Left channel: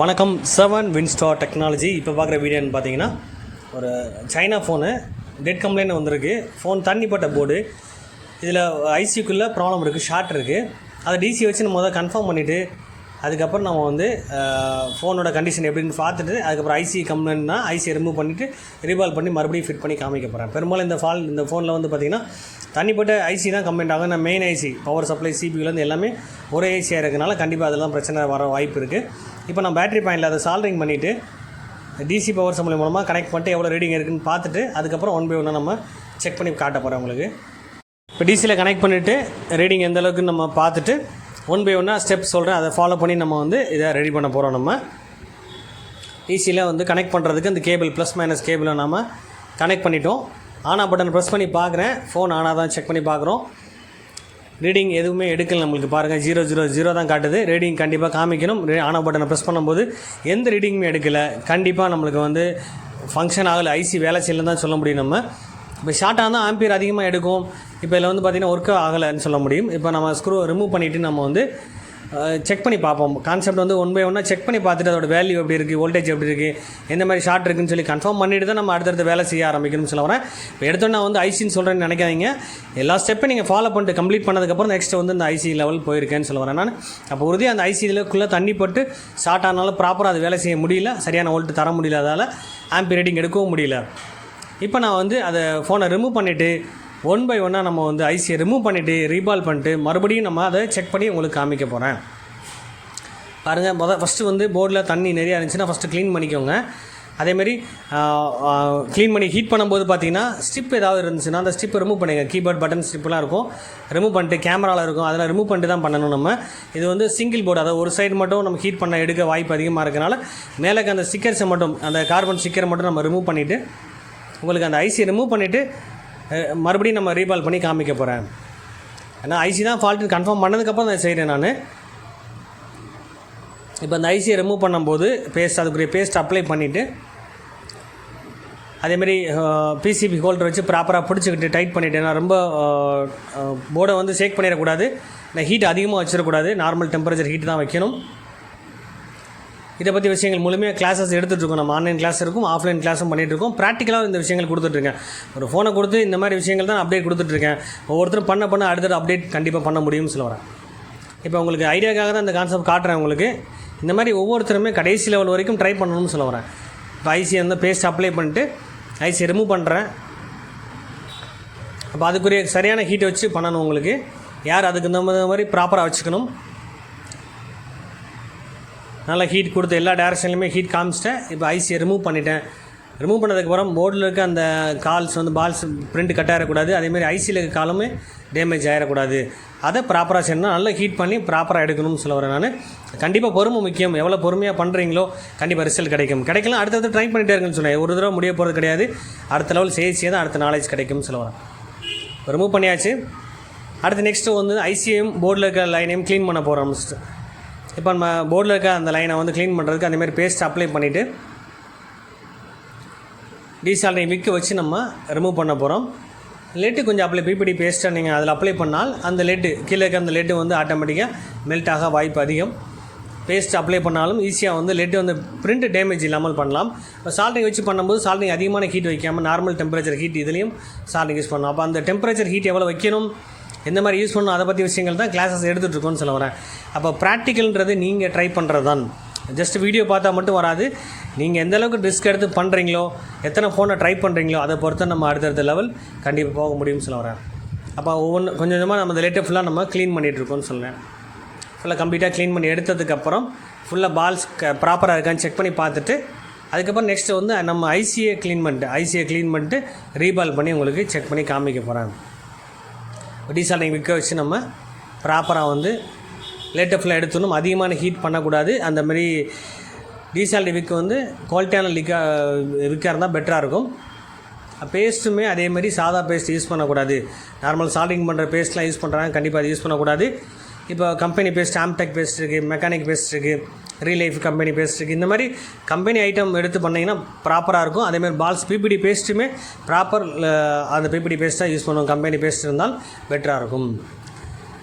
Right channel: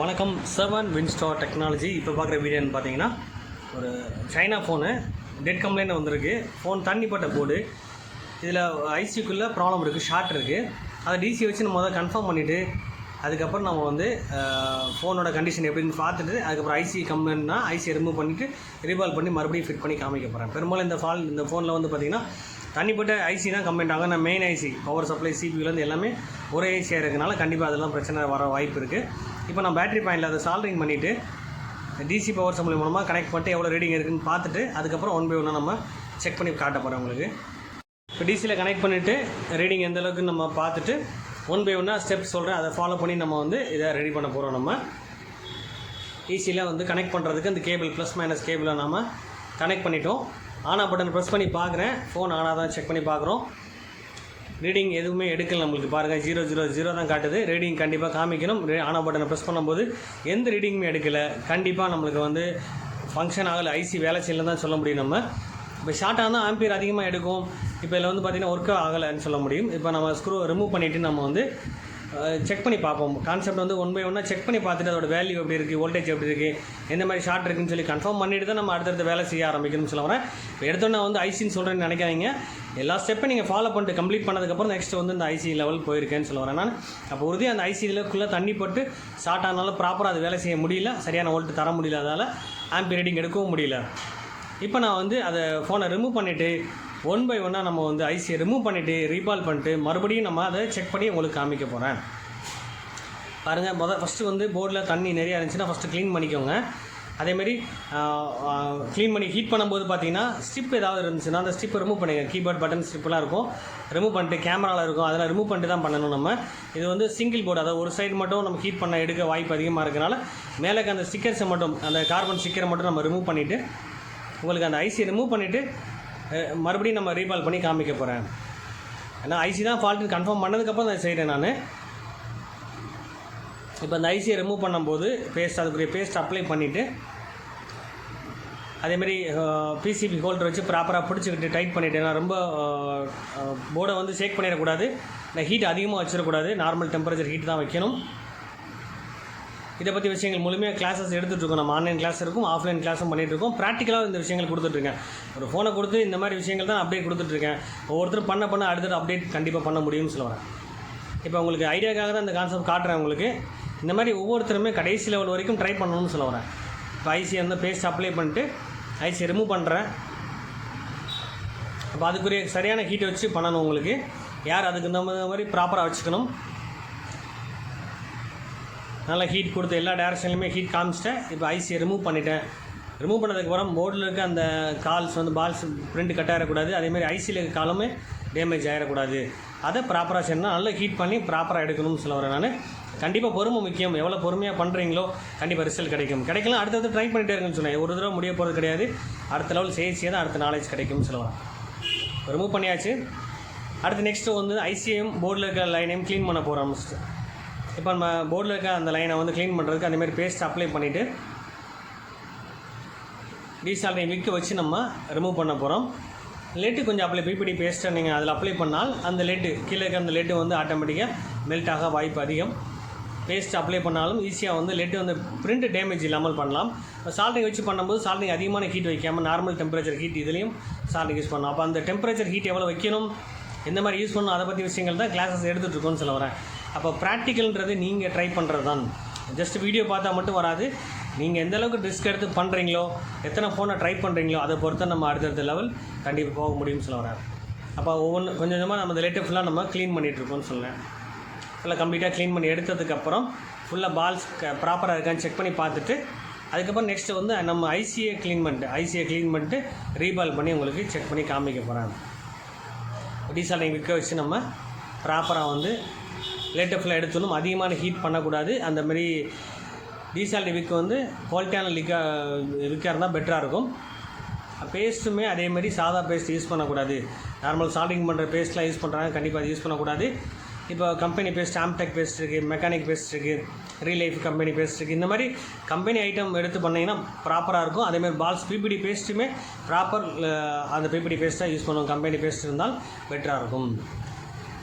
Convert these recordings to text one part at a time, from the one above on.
வணக்கம். 7 Winstar technology. இப்போ பார்க்குற வீடியோன்னு பார்த்தீங்கன்னா ஒரு சைனா ஃபோனு டெட் கம்ப்ளைண்ட் வந்திருக்கு. ஃபோன் தண்ணிப்பட்ட போர்டு. இதில் ஐசிக்குள்ளே ப்ராப்ளம் இருக்குது, ஷார்ட் இருக்குது. அதை டிசி வச்சு நம்ம முதல்ல கன்ஃபார்ம் பண்ணிவிட்டு அதுக்கப்புறம் நம்ம வந்து ஃபோனோட கண்டிஷன் எப்படின்னு பார்த்துட்டு அதுக்கப்புறம் ஐசி கம்ப்ளைண்ட்னா ஐசியை ரிமூவ் பண்ணிவிட்டு ரீபால் பண்ணி மறுபடியும் ஃபிட் பண்ணி காமிக்க போகிறேன். பெரும்பாலும் இந்த ஃபோனில் வந்து பார்த்திங்கன்னா தனிப்பட்ட ஐசி தான் கம்ப்ளைண்ட் ஆகும். நான் மெயின் ஐசி பவர் சப்ளை சிபியூலேருந்து எல்லாமே ஒரே ஐசியாக இருக்கிறதுனால கண்டிப்பாக அதெல்லாம் பிரச்சனை வர வாய்ப்பு இருக்குது. இப்போ நான் பேட்டரி பாயிண்டில் அதை சால்டரிங் பண்ணிவிட்டு டிசி பவர் சப்ளை மூலமாக கனெக்ட் பண்ணிட்டு எவ்வளோ ரீடிங் இருக்குதுன்னு பார்த்துட்டு அதுக்கப்புறம் 1 by 1 நம்ம செக் பண்ணி காட்ட போகிறேன் உங்களுக்கு. இப்போ டிசியில் கனெக்ட் பண்ணிவிட்டு ரீடிங் எந்த அளவுக்கு நம்ம பார்த்துட்டு 1 by 1 ஸ்டெப் சொல்கிறேன், அதை ஃபாலோ பண்ணி நம்ம வந்து இதை ரெடி பண்ண போகிறோம். நம்ம ஈஸியில் வந்து கனெக்ட் பண்ணுறதுக்கு அந்த கேபிள் ப்ளஸ் மைனஸ் கேபிளை நம்ம கனெக்ட் பண்ணிட்டோம். ஆனா பட்டன் ப்ரெஸ் பண்ணி பார்க்குறேன், ஃபோன் ஆனாக தான் செக் பண்ணி பார்க்குறோம். ரீடிங் எதுவுமே எடுக்கல நம்மளுக்கு. பாருங்கள் 000 தான் காட்டுது. ரீடிங் கண்டிப்பாக காமிக்கணும். ஆனா பட்டனை ப்ரெஸ் பண்ணும்போது எந்த ரீடிங்குமே எடுக்கலை. கண்டிப்பாக நம்மளுக்கு வந்து ஃபங்க்ஷன் ஆகலை, ஐசி வேலை செய்யலன்னு தான் சொல்ல முடியும். நம்ம இப்போ ஷார்ட்டாக தான் ஆம்பியர் அதிகமாக எடுக்கும். இப்போ இதில் வந்து பார்த்திங்கன்னா ஒர்க் ஆகலைன்னு சொல்ல முடியும். இப்போ நம்ம ஸ்க்ரூ ரிமூவ் பண்ணிவிட்டு நம்ம வந்து செக் பண்ணி பார்ப்போம். கான்செப்ட் வந்து 1 by 1 செக் பண்ணி பார்த்துட்டு அதோட வேல்யூ எப்படி இருக்குது, வோல்டேஜ் எப்படி இருக்குது, எந்த மாதிரி ஷார்ட் இருக்குன்னு சொல்லி கன்ஃபார்ம் பண்ணிவிட்டு தான் நம்ம அடுத்தடுத்து வேலை செய்ய ஆரம்பிக்கணும்னு சொல்ல வரேன். இப்போ எடுத்தோன்னா வந்து ஐசின்னு சொல்கிறேன்னு நினைக்காதீங்க. எல்லா ஸ்டெப்பையும் நீங்கள் ஃபாலோ பண்ணிட்டு கம்ப்ளீட் பண்ணதுக்கப்புறம் நெக்ஸ்ட் வந்து இந்த ஐசி லெவல் போயிருக்கேன்னு சொல்ல வரேன் நான். அப்போ உறுதியாக அந்த ஐசி இதுக்குள்ளே தண்ணி பட்டு ஷார்ட் ஆனாலும் ப்ராப்பராக அது வேலை செய்ய முடியல, சரியான வோல்ட் தர முடியல, அதால் ஆம்பியர் ரீடிங் எடுக்கவும் முடியல. இப்போ நான் வந்து அதை ஃபோனை ரிமூவ் பண்ணிவிட்டு 1 by 1 நம்ம வந்து ஐசியை ரிமூவ் பண்ணிவிட்டு ரீபால் பண்ணிட்டு மறுபடியும் நம்ம அதை செக் பண்ணி உங்களுக்கு காமிக்க போகிறேன். பாருங்கள், ஃபஸ்ட்டு வந்து போர்டில் தண்ணி நிறையா இருந்துச்சுன்னா ஃபஸ்ட்டு க்ளீன் பண்ணிக்கோங்க. அதேமாரி க்ளீன் பண்ணி ஹீட் பண்ணும்போது பார்த்தீங்கன்னா ஸ்ட்ரிப் ஏதாவது இருந்துச்சுன்னா அந்த ஸ்ட்ரிப்பை ரிமூவ் பண்ணுங்கள். கீபோர்ட் பட்டன் ஸ்ட்ரிப்லாம் இருக்கும், ரிமூவ் பண்ணிட்டு கேமராவில் இருக்கும், அதெல்லாம் ரிமூவ் பண்ணிட்டு தான் பண்ணணும். நம்ம இது வந்து சிங்கிள் போர்டு, அதாவது ஒரு சைடு மட்டும் நம்ம ஹீட் பண்ண எடுக்க வாய்ப்பு அதிகமாக இருக்கிறனால மேலே அந்த ஸ்டிக்கர்ஸை மட்டும், அந்த கார்பன் ஸ்டிக்கரை மட்டும் நம்ம ரிமூவ் பண்ணிவிட்டு உங்களுக்கு அந்த ஐசியை ரிமூவ் பண்ணிவிட்டு மறுபடியும் நம்ம ரீபால் பண்ணி காமிக்க போகிறேன். ஏன்னா ஐசி தான் ஃபால்ட்டுன்னு கன்ஃபார்ம் பண்ணதுக்கப்புறம் அதை செய்கிறேன் நான். இப்போ அந்த ஐசியை ரிமூவ் பண்ணும்போது அதுக்குரிய பேஸ்ட் அப்ளை பண்ணிவிட்டு அதேமாதிரி பிசிபி ஹோல்டர் வச்சு ப்ராப்பராக பிடிச்சிக்கிட்டு டைட் பண்ணிவிட்டு, நான் ரொம்ப போர்டை வந்து ஷேக் பண்ணிடக்கூடாது, நான் ஹீட் அதிகமாக வச்சிடக்கூடாது, நார்மல் டெம்பரேச்சர் ஹீட் தான் வைக்கணும். இதை பற்றி விஷயங்கள் முழுமையாக கிளாஸஸ் எடுத்துகிட்ருக்கோம். நம்ம ஆன்லைன் கிளாஸ் இருக்கும், ஆஃப்லைன் கிளாஸும் பண்ணிகிட்ருக்கோம். ப்ராக்டிக்கலாக இந்த விஷயங்கள் கொடுத்துட்ருக்கேன். ஒரு ஃபோனை கொடுத்து இந்த மாதிரி விஷயங்கள் தான் அப்டேட் கொடுத்துட்ருக்கேன். ஒவ்வொருத்தரும் பண்ண அடுத்தது அப்டேட் கண்டிப்பாக பண்ண முடியும்னு சொல்ல வரேன். இப்போ உங்களுக்கு ஐடியாக்காக தான் இந்த கான்செப்ட் காட்டுறேன் உங்களுக்கு. இந்த மாதிரி ஒவ்வொருத்தருமே கடைசி லெவல் வரைக்கும் ட்ரை பண்ணணும்னு சொல்ல வரேன். இப்போ ஐசியை வந்து பேஸ்ட் அப்ளை பண்ணிட்டு ஐசியை ரிமூவ் பண்ணுறேன். அப்போ அதுக்குரிய சரியான ஹீட்டை வச்சு பண்ணணும் உங்களுக்கு. யார் அதுக்கு இந்த மாதிரி ப்ராப்பராக வச்சுக்கணும். நல்லா ஹீட் கொடுத்து எல்லா டேரக்ஷன்லையுமே ஹீட் காமிச்சிட்டேன். இப்போ ஐசியை ரிமூவ் பண்ணிட்டேன். ரிமூவ் பண்ணதுக்கப்புறம் போர்டில் இருக்க அந்த கால்ஸ் வந்து பால்ஸ் பிரிண்ட் கட் ஆகிடக்கூடாது, அதேமாதிரி ஐசியில் இருக்க காலுமே டேமேஜ் ஆகிடக்கூடாது. அதை ப்ராப்பராக செய்யணும், நல்லா ஹீட் பண்ணி ப்ராப்பராக எடுக்கணும்னு சொல்ல வரேன் நான். கண்டிப்பாக பொறுமை முக்கியம். எவ்வளோ பொறுமையாக பண்ணுறீங்களோ கண்டிப்பாக ரிசல்ட் கிடைக்கும். கிடைக்கலாம் அடுத்தது ட்ரை பண்ணிகிட்டே இருக்குன்னு சொன்னேன். ஒரு தடவை முடிய போகிறது கிடையாது, அடுத்த லெவல் செய்ய தான் அடுத்த நாலேஜ் கிடைக்கும்னு சொல்ல வரேன். ரிமூவ் பண்ணியாச்சு. அடுத்து நெக்ஸ்ட்டு வந்து ஐசியையும் போர்டில் இருக்க லைனையும் க்ளீன் பண்ண போகிறோம். இப்போ நம்ம போர்டில் இருக்க அந்த லைனை வந்து க்ளீன் பண்ணுறதுக்கு அதேமாதிரி பேஸ்ட் அப்ளை பண்ணிவிட்டு டீசால்டரிங் விக்க வச்சு நம்ம ரிமூவ் பண்ண போகிறோம். லெட்டு கொஞ்சம் அப்ளை பிபிடி பேஸ்ட்டை நீங்கள் அதில் அப்ளை பண்ணால் அந்த லெட்டு கீழே இருக்க அந்த லெட்டு வந்து ஆட்டோமேட்டிக்காக மெல்ட் ஆக வாய்ப்பு அதிகம். பேஸ்ட் அப்ளை பண்ணாலும் ஈஸியாக வந்து லெட்டு வந்து பிரிண்ட் டேமேஜ் இல்லாமல் பண்ணலாம். இப்போ சால்ட்ரிங் வச்சு பண்ணும்போது சால்ட்ரிங் அதிகமான ஹீட் வைக்காமல் நார்மல் டெம்பரேச்சர் ஹீட் இதுலேயும் சால்ட்ரிங் யூஸ் பண்ணலாம். அப்போ அந்த டெம்பரேச்சர் ஹீட் எவ்வளோ வைக்கணும், எந்த மாதிரி யூஸ் பண்ணணும், அதை பற்றி விஷயங்கள் தான் கிளாஸஸ் எடுத்துகிட்ருக்கோன்னு சொல்ல வரேன். அப்போ ப்ராக்டிக்கல்ன்றது நீங்கள் ட்ரை பண்ணுறது தான். ஜஸ்ட் வீடியோ பார்த்தா மட்டும் வராது. நீங்கள் எந்த அளவுக்கு ரிஸ்க் எடுத்து பண்ணுறீங்களோ, எத்தனை ஃபோனை ட்ரை பண்ணுறீங்களோ அதை பொறுத்து நம்ம அடுத்தடுத்த லெவல் கண்டிப்பாக போக முடியும்னு சொல்ல வரேன். அப்போ ஒவ்வொன்று கொஞ்சம் கொஞ்சமாக நம்ம இந்த லேட்டை ஃபுல்லாக நம்ம க்ளீன் பண்ணிகிட்ருக்கோன்னு சொல்லுவேன். ஃபுல்லாக கம்ப்ளீட்டாக க்ளீன் பண்ணி எடுத்ததுக்கப்புறம் ஃபுல்லாக பால்ஸ் ப்ராப்பராக இருக்கான்னு செக் பண்ணி பார்த்துட்டு அதுக்கப்புறம் நெக்ஸ்ட்டு வந்து நம்ம ஐசியை க்ளீன் பண்ணிட்டு ரீபால் பண்ணி உங்களுக்கு செக் பண்ணி காமிக்க போகிறேன். டீசால்டரிங் விற்க வச்சு நம்ம ப்ராப்பராக வந்து லேட்டை ஃபுல்லாக எடுத்துடணும். அதிகமான ஹீட் பண்ணக்கூடாது. அந்தமாதிரி டீசால்டரிங் விற்கு வந்து குவாலிட்டியான விற்காக இருந்தால் பெட்டராக இருக்கும். பேஸ்ட்டுமே அதேமாதிரி சாதா பேஸ்ட் யூஸ் பண்ணக்கூடாது. நார்மல் சால்டிங் பண்ணுற பேஸ்ட்லாம் யூஸ் பண்ணுறாங்க, கண்டிப்பாக அது யூஸ் பண்ணக்கூடாது. இப்போ கம்பெனி பேஸ்ட், ஆம்டெக் பேஸ்ட் இருக்குது, மெக்கானிக் பேஸ்ட் இருக்குது, ரீலைஃப் கம்பெனி பேஸ்ட் இருக்குது. இந்த மாதிரி கம்பெனி ஐட்டம் எடுத்து பண்ணிங்கன்னா ப்ராப்பராக இருக்கும். அதேமாதிரி பால்ஸ் பிபிடி பேஸ்ட்டுமே ப்ராப்பர் அந்த பிபிடி பேஸ்ட்டாக யூஸ் பண்ணுவோம். கம்பெனி பேஸ்ட் இருந்தால் பெட்டராக இருக்கும்.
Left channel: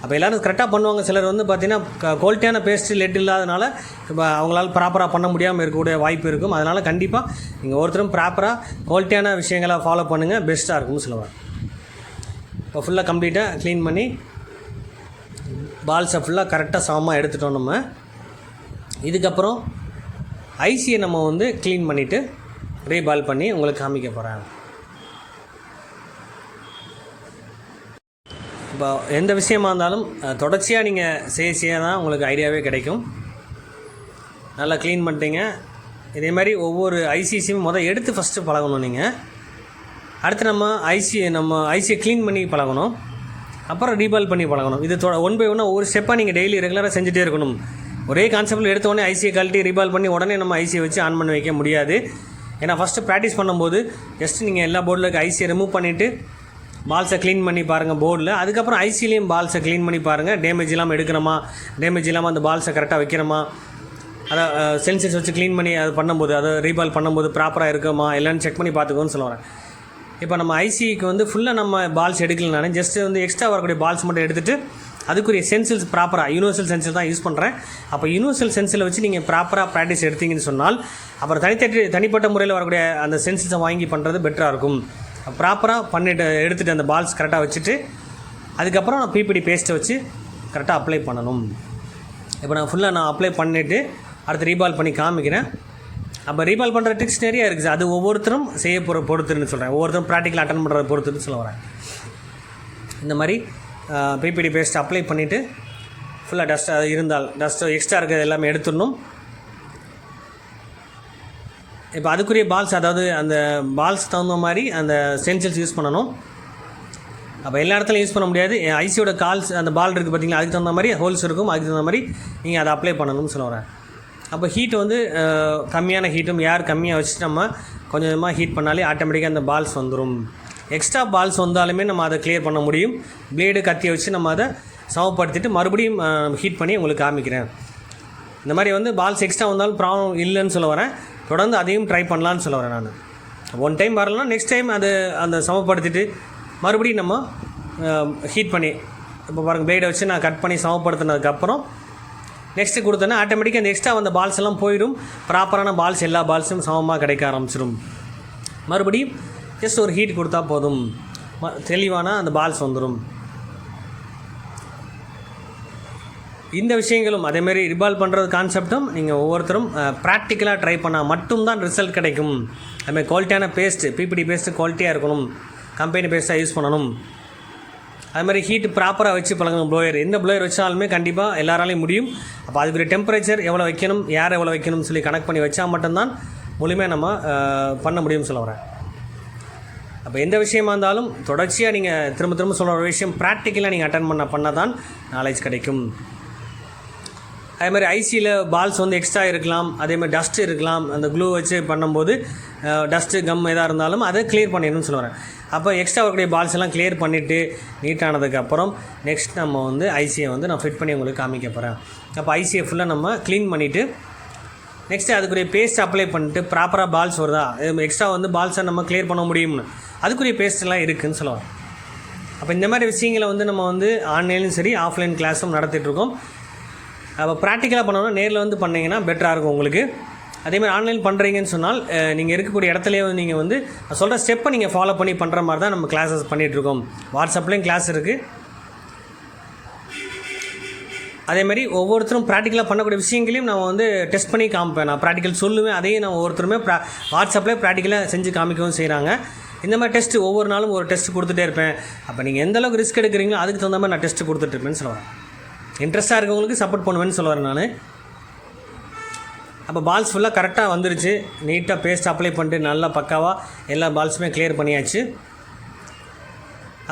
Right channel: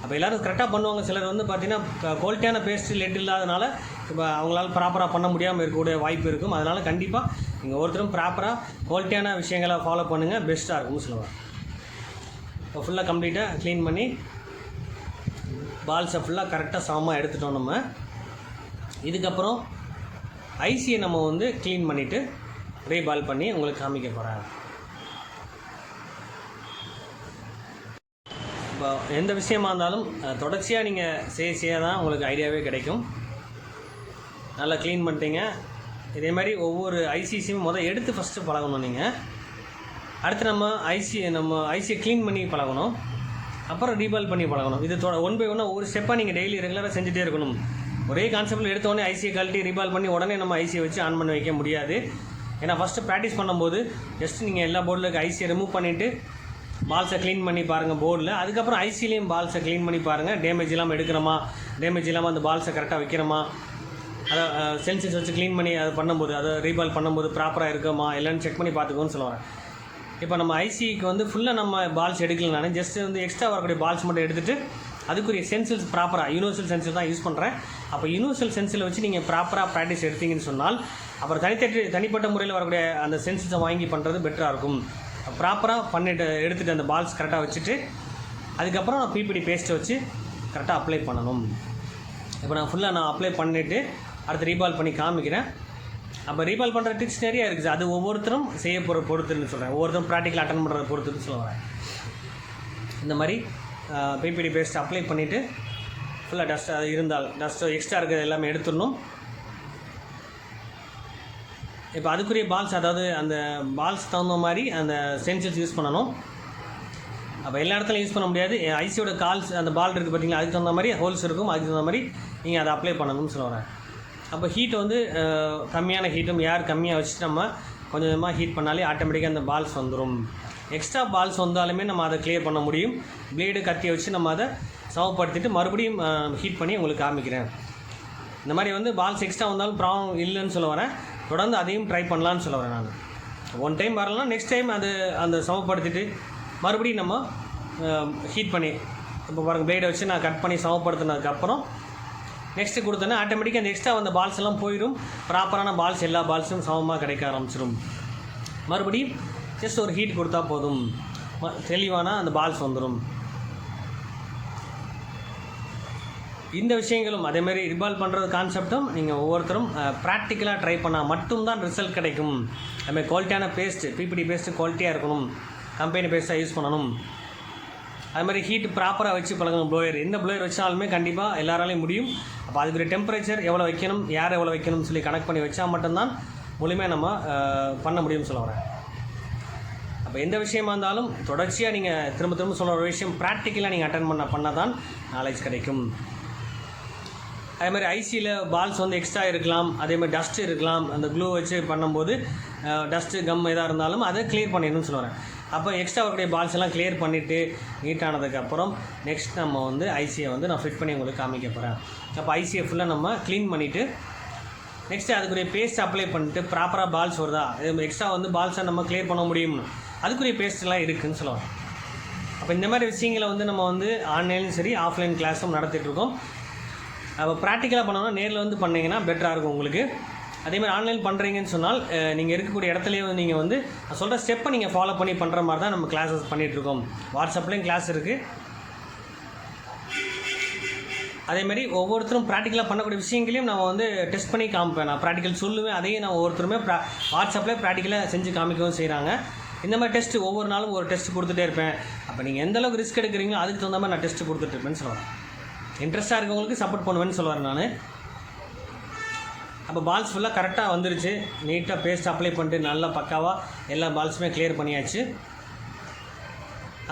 அப்போ எல்லோரும் கரெக்டாக பண்ணுவாங்க. சிலர் வந்து பார்த்திங்கன்னா குவாலிட்டியான பேஸ்ட் லெட் இல்லாதனால இப்போ அவங்களால ப்ராப்பராக பண்ண முடியாமல் இருக்கக்கூடிய வாய்ப்பு இருக்கும். அதனால் கண்டிப்பாக நீங்கள் ஒருத்தரும் ப்ராப்பராக குவாலிட்டியான விஷயங்களை ஃபாலோ பண்ணுங்கள், பெஸ்ட்டாக இருக்கும்னு சொல்லுவேன். இப்போ ஃபுல்லாக கம்ப்ளீட்டாக க்ளீன் பண்ணி பால்ஸை ஃபுல்லாக கரெக்டாக சமமாக எடுத்துட்டோம். நம்ம இதுக்கப்புறம் ஐசியை நம்ம வந்து க்ளீன் பண்ணிவிட்டு ரீபால் பண்ணி உங்களுக்கு காமிக்க போகிறேன். இப்போ எந்த விஷயமா இருந்தாலும் தொடர்ச்சியாக நீங்கள் செய்ய தான் உங்களுக்கு ஐடியாவே கிடைக்கும். நல்லா க்ளீன் பண்ணிட்டீங்க. இதே மாதிரி ஒவ்வொரு ஐசியும் எடுத்து ஃபஸ்ட்டு பழகணும். நீங்கள் அடுத்து நம்ம ஐசியை க்ளீன் பண்ணி பழகணும், அப்புறம் ரீபால் பண்ணி பழகணும். இது ஒன் பை ஒன்னாக ஒவ்வொரு ஸ்டெப்பாக நீங்கள் டெய்லி ரெகுலராக செஞ்சுட்டே இருக்கணும். ஒரே கான்செப்ட்டில் எடுத்தோடனே ஐசியை கழட்டி ரீபால் பண்ணி உடனே நம்ம ஐசியை வச்சு ஆன் பண்ணி வைக்க முடியாது. ஏன்னா ஃபஸ்ட்டு ப்ராக்டிஸ் பண்ணும்போது ஜஸ்ட் நீங்கள் எல்லா போர்டில் இருக்க ஐசியை ரிமூவ் பண்ணிவிட்டு பால்ஸை க்ளீன் பண்ணி பாருங்கள் போர்டில். அதுக்கப்புறம் ஐசிலையும் பால்ஸை க்ளீன் பண்ணி பாருங்கள். டேமேஜ் இல்லாமல் எடுக்கணுமா, டேமேஜ் இல்லாமல் அந்த பால்ஸை கரெக்டாக வைக்கிறோமா, அதை சென்சர்ஸ் வச்சு க்ளீன் பண்ணி அது பண்ணும்போது, அதை ரீபால் பண்ணும்போது ப்ராப்பராக இருக்குமா இல்லைன்னு செக் பண்ணி பார்த்துக்கோன்னு சொல்லுவேன். இப்போ நம்ம ஐசிக்கு வந்து ஃபுல்லாக நம்ம பால்ஸ் எடுக்கலனாலும் ஜஸ்ட்டு வந்து எக்ஸ்ட்ரா வரக்கூடிய பால்ஸ் மட்டும் எடுத்துகிட்டு அதுக்குரிய சென்சில்ஸ் ப்ராப்பராக யூனிவர்சல் சென்சில் தான் யூஸ் பண்ணுறேன். அப்போ யூனிவர்சல் சென்சில் வச்சு நீங்கள் ப்ராப்பராக ப்ராக்டிஸ் எடுத்தீங்கன்னு சொன்னால் அப்புறம் தனிப்பட்ட முறையில் வரக்கூடிய அந்த சென்சில்ஸை வாங்கி பண்ணுறது பெட்டராக இருக்கும். ப்ராப்பராக பண்ணிட்டு எடுத்துகிட்டு அந்த பால்ஸ் கரெக்டாக வச்சுட்டு அதுக்கப்புறம் நான் பிபிடி பேஸ்ட்டை வச்சு கரெக்டாக அப்ளை பண்ணணும். இப்போ நான் அப்ளை பண்ணிவிட்டு அடுத்து ரீபால் பண்ணி காமிக்கிறேன். அப்போ ரீபால் பண்ணுற ட்ரிக்ஸ் நிறையா இருக்குது. அது ஒவ்வொருத்தரும் செய்ய போகிற பொறுத்துன்னு சொல்கிறேன். ஒவ்வொருத்தரும் ப்ராக்டிக்கல் அட்டன் பண்ணுறத பொறுத்துன்னு சொல்ல வரேன். இந்த மாதிரி பிபிடி பேஸ்ட் அப்ளை பண்ணிவிட்டு ஃபுல்லாக டஸ்ட்டு எக்ஸ்ட்ரா இருக்கிறது எல்லாமே எடுத்துடணும். இப்போ அதுக்குரிய பால்ஸ், அதாவது அந்த பால்ஸ் தகுந்த மாதிரி அந்த ஸ்டென்சில்ஸ் யூஸ் பண்ணணும். அப்போ எல்லா இடத்துலையும் யூஸ் பண்ண முடியாது. ஐசியோட அந்த பால் இருக்குது பார்த்திங்களா, அதுக்கு தகுந்த மாதிரி ஹோல்ஸ் இருக்கும். அதுக்கு தகுந்த மாதிரி நீங்கள் அதை அப்ளை பண்ணணும்னு சொல்ல வரேன். அப்போ ஹீட் வந்து கம்மியான ஹீட்டும் ஏர் கம்மியாக வச்சுட்டு நம்ம கொஞ்சம் கொஞ்சமாக ஹீட் பண்ணாலே ஆட்டோமேட்டிக்காக அந்த பால்ஸ் வந்துடும். எக்ஸ்ட்ரா பால்ஸ் வந்தாலுமே நம்ம அதை கிளியர் பண்ண முடியும். பிளேடு கத்தியை வச்சு நம்ம அதை சமப்படுத்திட்டு மறுபடியும் ஹீட் பண்ணி உங்களுக்கு காமிக்கிறேன். இந்த மாதிரி வந்து பால்ஸ் எக்ஸ்ட்ரா வந்தாலும் ப்ராப்ளம் இல்லைன்னு சொல்ல வரேன். தொடர்ந்து அதையும் ட்ரை பண்ணலான்னு சொல்ல வரேன். நான் ஒன் டைம் வரலன்னா நெக்ஸ்ட் டைம் அந்த சமப்படுத்திட்டு மறுபடியும் நம்ம ஹீட் பண்ணி இப்போ பாருங்கள் பிளேடை வச்சு நான் கட் பண்ணி சமப்படுத்தினதுக்கப்புறம் நெக்ஸ்ட்டு கொடுத்தோன்னா ஆட்டோமேட்டிக்காக அந்த எக்ஸ்ட்ரா வந்த பால்ஸ் எல்லாம் போயிடும். ப்ராப்பரான பால்ஸ் எல்லா பால்ஸும் சமமாக கிடைக்க ஆரம்பிச்சிடும். மறுபடியும் ஜஸ்ட் ஒரு ஹீட் கொடுத்தா போதும், தெளிவான அந்த பால்ஸ் வந்துடும். இந்த விஷயங்களும் அதேமாதிரி ரிபால் பண்ணுறது கான்செப்டும் நீங்கள் ஒவ்வொருத்தரும் ப்ராக்டிக்கலாக ட்ரை பண்ணால் மட்டும்தான் ரிசல்ட் கிடைக்கும். அதுமாதிரி குவாலிட்டியான பேஸ்ட்டு, பிபிடி பேஸ்ட்டு குவாலிட்டியாக இருக்கணும், கம்பெனி பேஸ்ட்டாக யூஸ் பண்ணணும். அது மாதிரி ஹீட் ப்ராப்பராக வச்சு பழகணும். ப்ளோயர் எந்த ப்ளோயர் வச்சாலுமே கண்டிப்பாக எல்லாராலையும் முடியும். அப்போ அதுக்குரிய டெம்பரேச்சர் எவ்வளோ வைக்கணும், ஏர் எவ்வளோ வைக்கணும்னு சொல்லி கனெக்ட் பண்ணி வச்சா மட்டும்தான் முழுமையாக நம்ம பண்ண முடியும்னு சொல்ல வரேன். அப்போ எந்த விஷயமா இருந்தாலும் தொடர்ச்சியாக நீங்கள் திரும்ப சொல்கிற ஒரு விஷயம் ப்ராக்டிக்கலாக நீங்கள் அட்டன் பண்ண தான் நாலேஜ் கிடைக்கும். அதே மாதிரி ஐசியில் பால்ஸ் வந்து எக்ஸ்ட்ரா இருக்கலாம், அதேமாதிரி டஸ்ட்டு இருக்கலாம். அந்த க்ளூ வச்சு பண்ணும்போது டஸ்ட்டு கம் எதாக இருந்தாலும் அதை கிளியர் பண்ணிடணும்னு சொல்லுவேன். அப்போ எக்ஸ்ட்ரா வரக்கூடிய பால்ஸ் எல்லாம் கிளியர் பண்ணிவிட்டு நீட்டானதுக்கப்புறம் நெக்ஸ்ட் நம்ம வந்து ஐசியை வந்து நான் ஃபிட் பண்ணி உங்களுக்கு காமிக்க போகிறேன். அப்போ ஐசியை ஃபுல்லாக நம்ம க்ளீன் பண்ணிவிட்டு நெக்ஸ்ட்டு அதுக்குரிய பேஸ்ட் அப்ளை பண்ணிட்டு ப்ராப்பராக பால்ஸ் வருதா, எக்ஸ்ட்ரா வந்து பால்ஸை நம்ம கிளியர் பண்ண முடியும்னு அதுக்குரிய பேஸ்ட்டெல்லாம் இருக்குதுன்னு சொல்லுவாங்க. அப்போ இந்த மாதிரி விஷயங்களை வந்து நம்ம வந்து ஆன்லைன்லையும் சரி ஆஃப்லைன் கிளாஸும் நடத்திட்டுருக்கோம். அப்போ ப்ராக்டிக்கலாக பண்ணோன்னா நேரில் வந்து பண்ணிங்கன்னா பெட்டராக இருக்கும் உங்களுக்கு. அதேமாதிரி ஆன்லைன் பண்ணுறீங்கன்னு சொன்னால் நீங்கள் இருக்கக்கூடிய இடத்துலையே நீங்கள் வந்து சொல்கிற ஸ்டெப்பை நீங்கள் ஃபாலோ பண்ணி பண்ணுற மாதிரி தான் நம்ம கிளாஸஸ் பண்ணிகிட்ருக்கோம். வாட்ஸ்அப்லேயும் கிளாஸ் இருக்குது. அதேமாதிரி ஒவ்வொருத்தரும் ப்ராக்டிக்கலாக பண்ணக்கூடிய விஷயங்களையும் நான் வந்து டெஸ்ட் பண்ணி காமிப்பேன். நான் ப்ராக்டிக்கல் சொல்லுவேன், அதையும் நான் ஒவ்வொருத்தருமே வாட்ஸ்அப்லேயே ப்ராக்டிக்கலாக செஞ்சு காமிக்கவும் செய்கிறாங்க. இந்த மாதிரி டெஸ்ட்டு ஒவ்வொரு நாளும் ஒரு டெஸ்ட் கொடுத்துட்டே இருப்பேன். அப்போ நீங்கள் எந்தளவுக்கு ரிஸ்க் எடுக்கிறீங்களோ அதுக்கு தகுந்த மாதிரி நான் டெஸ்ட்டு கொடுத்துட்ருப்பேன்னு சொல்லுவேன். இன்ட்ரெஸ்ட்டாக இருக்கவங்களுக்கு சப்போர்ட் பண்ணுவேன்னு சொல்லுவேன் நான். அப்போ பால்ஸ் ஃபுல்லாக கரெக்டாக வந்துருச்சு. நீட்டாக பேஸ்ட் அப்ளை பண்ணிட்டு நல்லா பக்காவாக எல்லா பால்ஸுமே கிளியர் பண்ணியாச்சு.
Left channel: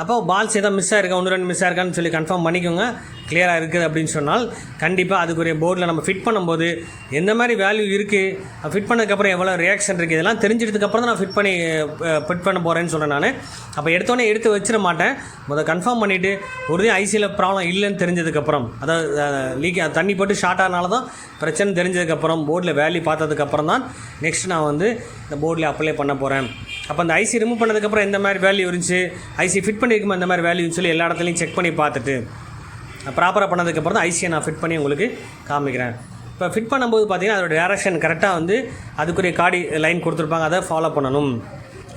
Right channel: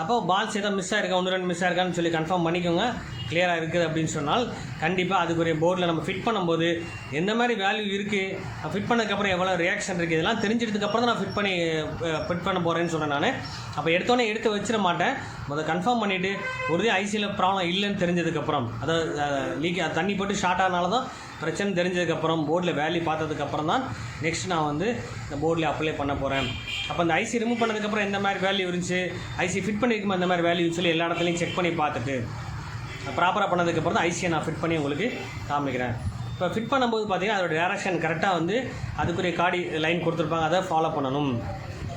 அப்போ பால்ஸ் எதாவது மிஸ் ஆகிருக்கா, 1-2 மிஸ் ஆகிருக்கான்னு சொல்லி கன்ஃபார்ம் பண்ணிக்கோங்க. கிளியராக இருக்குது அப்படின்னு சொன்னால் கண்டிப்பாக அதுக்குரிய போர்டில் நம்ம ஃபிட் பண்ணும்போது எந்த மாதிரி வேல்யூ இருக்குது, ஃபிட் பண்ணதுக்கப்புறம் எவ்வளோ ரியாக்ஷன் இருக்குது, இதெல்லாம் தெரிஞ்சதுக்கப்புறம் தான் நான் ஃபிட் பண்ண போகிறேன்னு சொல்கிறேன் நான். அப்போ எடுத்து வச்சிட மாட்டேன். கன்ஃபார்ம் பண்ணிவிட்டு ஒரு ஐசியில் ப்ராப்ளம் இல்லைன்னு தெரிஞ்சதுக்கப்புறம், அதாவது தண்ணி போட்டு ஷார்ட் ஆனால தான் பிரச்சனை தெரிஞ்சதுக்கப்புறம் போர்டில் வேல்யூ பார்த்ததுக்கப்புறம் தான் நெக்ஸ்ட் நான் வந்து இந்த போர்டில் அப்ளை பண்ண போகிறேன். அப்போ அந்த ஐசி ரிமூவ் பண்ணதுக்கப்புறம் எந்த மாதிரி வேல்யூ இருந்துச்சு, ஐசி ஃபிட் பண்ணியிருக்குமா எந்த மாதிரி வேல்யூன்னு சொல்லி எல்லா இடத்துலையும் செக் பண்ணி பார்த்துட்டு ப்ராப்பராக பண்ணதுக்கப்புறம் தான் ஐசியை நான் ஃபிட் பண்ணி உங்களுக்கு காமிக்கிறேன். இப்போ ஃபிட் பண்ணும்போது பார்த்தீங்கன்னா அதோட டேரக்ஷன் கரெக்டாக வந்து அதுக்குரிய காடி லைன் கொடுத்துருப்பாங்க, அதை ஃபாலோ பண்ணணும்.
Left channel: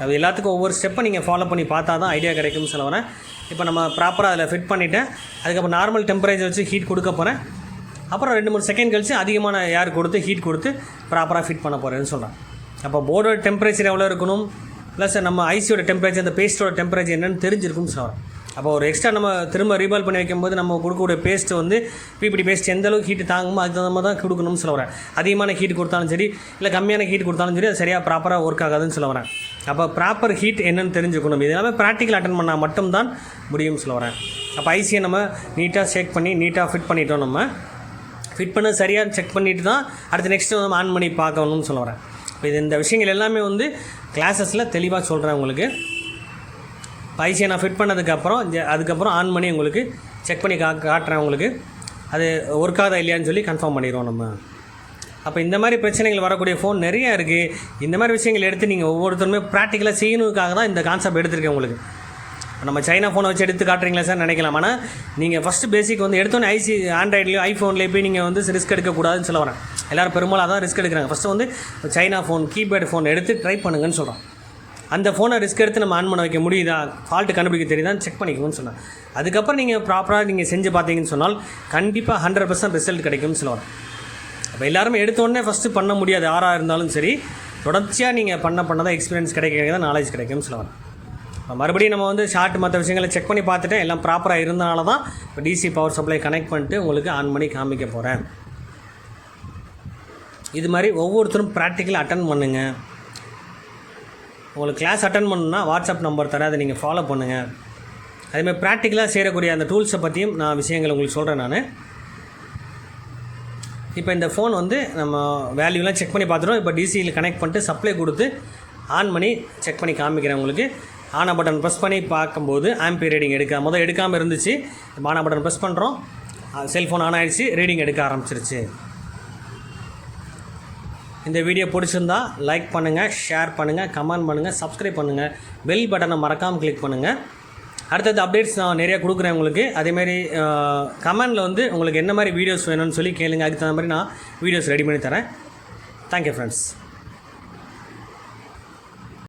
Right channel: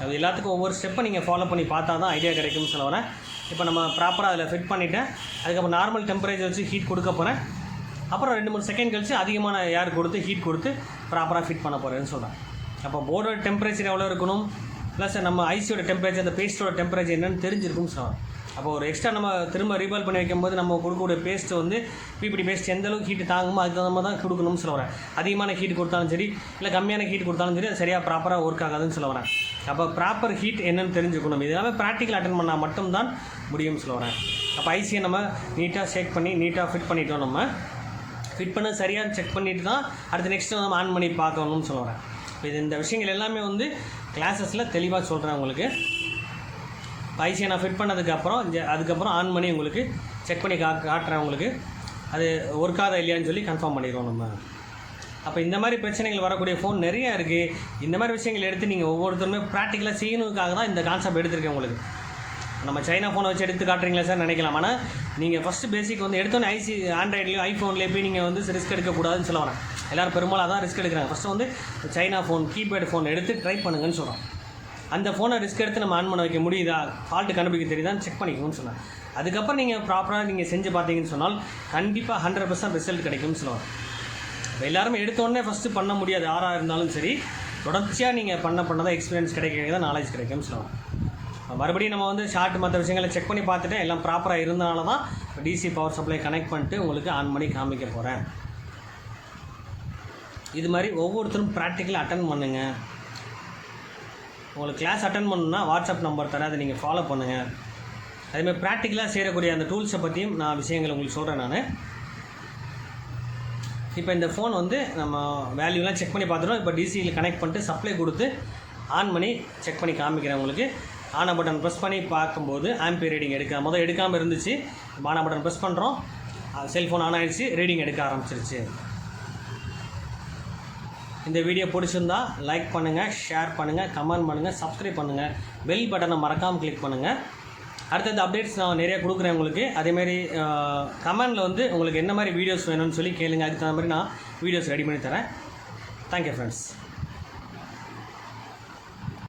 அது எல்லாத்துக்கும் ஒவ்வொரு ஸ்டெப்பை நீங்கள் ஃபாலோ பண்ணி பார்த்தா தான் ஐடியா கிடைக்கும்னு சொல்ல வரேன். இப்போ நம்ம ப்ராப்பராக அதில் ஃபிட் பண்ணிவிட்டேன். அதுக்கப்புறம் நார்மல் டெம்பரேச்சர் வச்சு ஹீட் கொடுக்க போகிறேன். அப்புறம் 2-3 செகண்ட் கழிச்சு அதிகமான ஏர் கொடுத்து ஹீட் கொடுத்து ப்ராப்பராக ஃபிட் பண்ண போகிறேன்னு சொல்கிறேன். அப்போ போர்டோட டெம்பரேச்சர் எவ்வளோ இருக்கணும், ப்ளஸ் நம்ம ஐசியோட டெம்பரேச்சர், அந்த பேஸ்ட்டோட டெம்பரேச்சர் என்னென்னு தெரிஞ்சிருக்கும்னு சொல்கிறேன். அப்போ ஒரு எக்ஸ்ட்ரா நம்ம திரும்ப ரீபால் பண்ணி வைக்கும்போது நம்ம கொடுக்கக்கூடிய பேஸ்ட்டு வந்து பிபிடி பேஸ்ட் எந்த அளவுக்கு ஹீட் தாங்குமோ அதுக்கு தகுந்த மாதிரி தான் கொடுக்கணும்னு சொல்ல வரேன். அதிகமான ஹீட் கொடுத்தாலும் சரி, இல்லை கம்மியான ஹீட் கொடுத்தாலும் சரி, அது சரியாக ப்ராப்பராக ஒர்க் ஆகாதுன்னு சொல்ல வரேன். அப்போ ப்ராப்பர் ஹீட் என்னென்னு தெரிஞ்சுக்கணும். இது எல்லாமே ப்ராக்டிக்கல் அட்டன் பண்ணால் மட்டும்தான் முடியும்னு சொல்ல வரேன். அப்போ ஐசியை நம்ம நீட்டாக ஷேக் பண்ணி நீட்டாக ஃபிட் பண்ணிட்டோம். நம்ம ஃபிட் பண்ண சரியாக செக் பண்ணிவிட்டு தான் அடுத்து நெக்ஸ்ட்டு நம்ம ஆன் பண்ணி பார்க்கணும்னு சொல்ல வரேன். இப்போ இந்த விஷயங்கள் எல்லாமே வந்து கிளாஸஸில் தெளிவாக சொல்கிறேன் உங்களுக்கு. ஐசியை நான் ஃபிட் பண்ணதுக்கப்புறம் அதுக்கப்புறம் ஆன் பண்ணி உங்களுக்கு செக் பண்ணி காட்டுறேன் உங்களுக்கு. அது ஒர்க் ஆகுதா இல்லையான்னு சொல்லி கன்ஃபார்ம் பண்ணிடுவோம் நம்ம. அப்போ இந்த மாதிரி பிரச்சனைகள் வரக்கூடிய ஃபோன் நிறையா இருக்குது. இந்த மாதிரி விஷயங்கள் எடுத்து நீங்கள் ஒவ்வொருத்தருமே ப்ராக்டிக்கலாக செய்யணுக்காக தான் இந்த கான்செப்ட் எடுத்துருக்கேன் உங்களுக்கு. நம்ம சைனா ஃபோனை வச்சு எடுத்து காட்டுறீங்களா சார் நினைக்கலாம். ஆனால் நீங்கள் ஃபஸ்ட்டு பேசிக் வந்து எடுத்தோன்னே ஆண்ட்ராய்ட்லேயோ ஐஃபோன்லேயே போய் நீங்கள் வந்து ரிஸ்க் எடுக்கக்கூடாதுன்னு சொல்ல வரேன். எல்லோரும் பெரும்பாலும் அதான் ரிஸ்க் எடுக்கிறாங்க. ஃபஸ்ட்டு வந்து சைனா ஃபோன் கீபேட் ஃபோன் எடுத்து ட்ரை பண்ணுங்கன்னு சொல்கிறேன். அந்த ஃபோனை ரிஸ்க் எடுத்து நம்ம ஆன் பண்ண வைக்க முடியுதா, ஃபால்ட்டு கண்டுபிடிக்க தெரியுதான்னு செக் பண்ணிக்கோன்னு சொன்னேன். அதுக்கப்புறம் நீங்கள் ப்ராப்பராக நீங்கள் செஞ்சு பார்த்தீங்கன்னு சொன்னால் கண்டிப்பாக 100% ரிசல்ட் கிடைக்கும்னு சொல்லுவாங்க. அப்போ எல்லாருமே எடுத்தோடனே ஃபஸ்ட்டு பண்ண முடியாது. யாராக இருந்தாலும் சரி, தொடர்ச்சியாக நீங்கள் பண்ணதான் எக்ஸ்பீரியன்ஸ் கிடைக்க தான் நாலேஜ் கிடைக்கும்னு சொல்லுவாங்க. மறுபடியும் நம்ம வந்து ஷார்ட் மற்ற விஷயங்களை செக் பண்ணி பார்த்துட்டு எல்லாம் ப்ராப்பராக இருந்தனால தான் இப்போ டிசி பவர் சப்ளை கனெக்ட் பண்ணிட்டு உங்களுக்கு ஆன் பண்ணி காமிக்க போகிறேன். இது மாதிரி ஒவ்வொருத்தரும் ப்ராக்டிக்கலாக அட்டன் பண்ணுங்கள். உங்களுக்கு கிளாஸ் அட்டன் பண்ணணுன்னா வாட்ஸ்அப் நம்பர் தரேன், அதை நீங்கள் ஃபாலோ பண்ணுங்கள். அதேமாதிரி ப்ராக்டிக்கலாக செய்யக்கூடிய அந்த டூல்ஸை பற்றியும் நான் விஷயங்கள் உங்களுக்கு சொல்கிறேன். நான் இப்போ இந்த ஃபோன் வந்து நம்ம வேல்யூலாம் செக் பண்ணி பார்த்துட்டோம். இப்போ டிசியில் கனெக்ட் பண்ணிட்டு சப்ளை கொடுத்து ஆன் பண்ணி செக் பண்ணி காமிக்கிறேன் உங்களுக்கு. ஆனா பட்டன் ப்ரெஸ் பண்ணி பார்க்கும்போது ஆம்பியர் ரீடிங் எடுக்காமல் இருந்துச்சு. ஆனா பட்டன் ப்ரெஸ் பண்ணுறோம், செல்ஃபோன் ஆன் ஆகிடுச்சு, ரீடிங் எடுக்க ஆரம்பிச்சிருச்சு. இந்த வீடியோ பிடிச்சிருந்தா லைக் பண்ணுங்கள், ஷேர் பண்ணுங்கள், கமெண்ட் பண்ணுங்கள், சப்ஸ்கிரைப் பண்ணுங்கள், பெல் பட்டனை மறக்காமல் கிளிக் பண்ணுங்கள். அடுத்தது அப்டேட்ஸ் நான் நிறையா கொடுக்குறேன் உங்களுக்கு. அதேமாதிரி கமெண்டில் வந்து உங்களுக்கு என்ன மாதிரி வீடியோஸ் வேணும்னு சொல்லி கேளுங்க. அதுக்கு தகுந்த மாதிரி நான் வீடியோஸ் ரெடி பண்ணி தரேன். Thank you friends.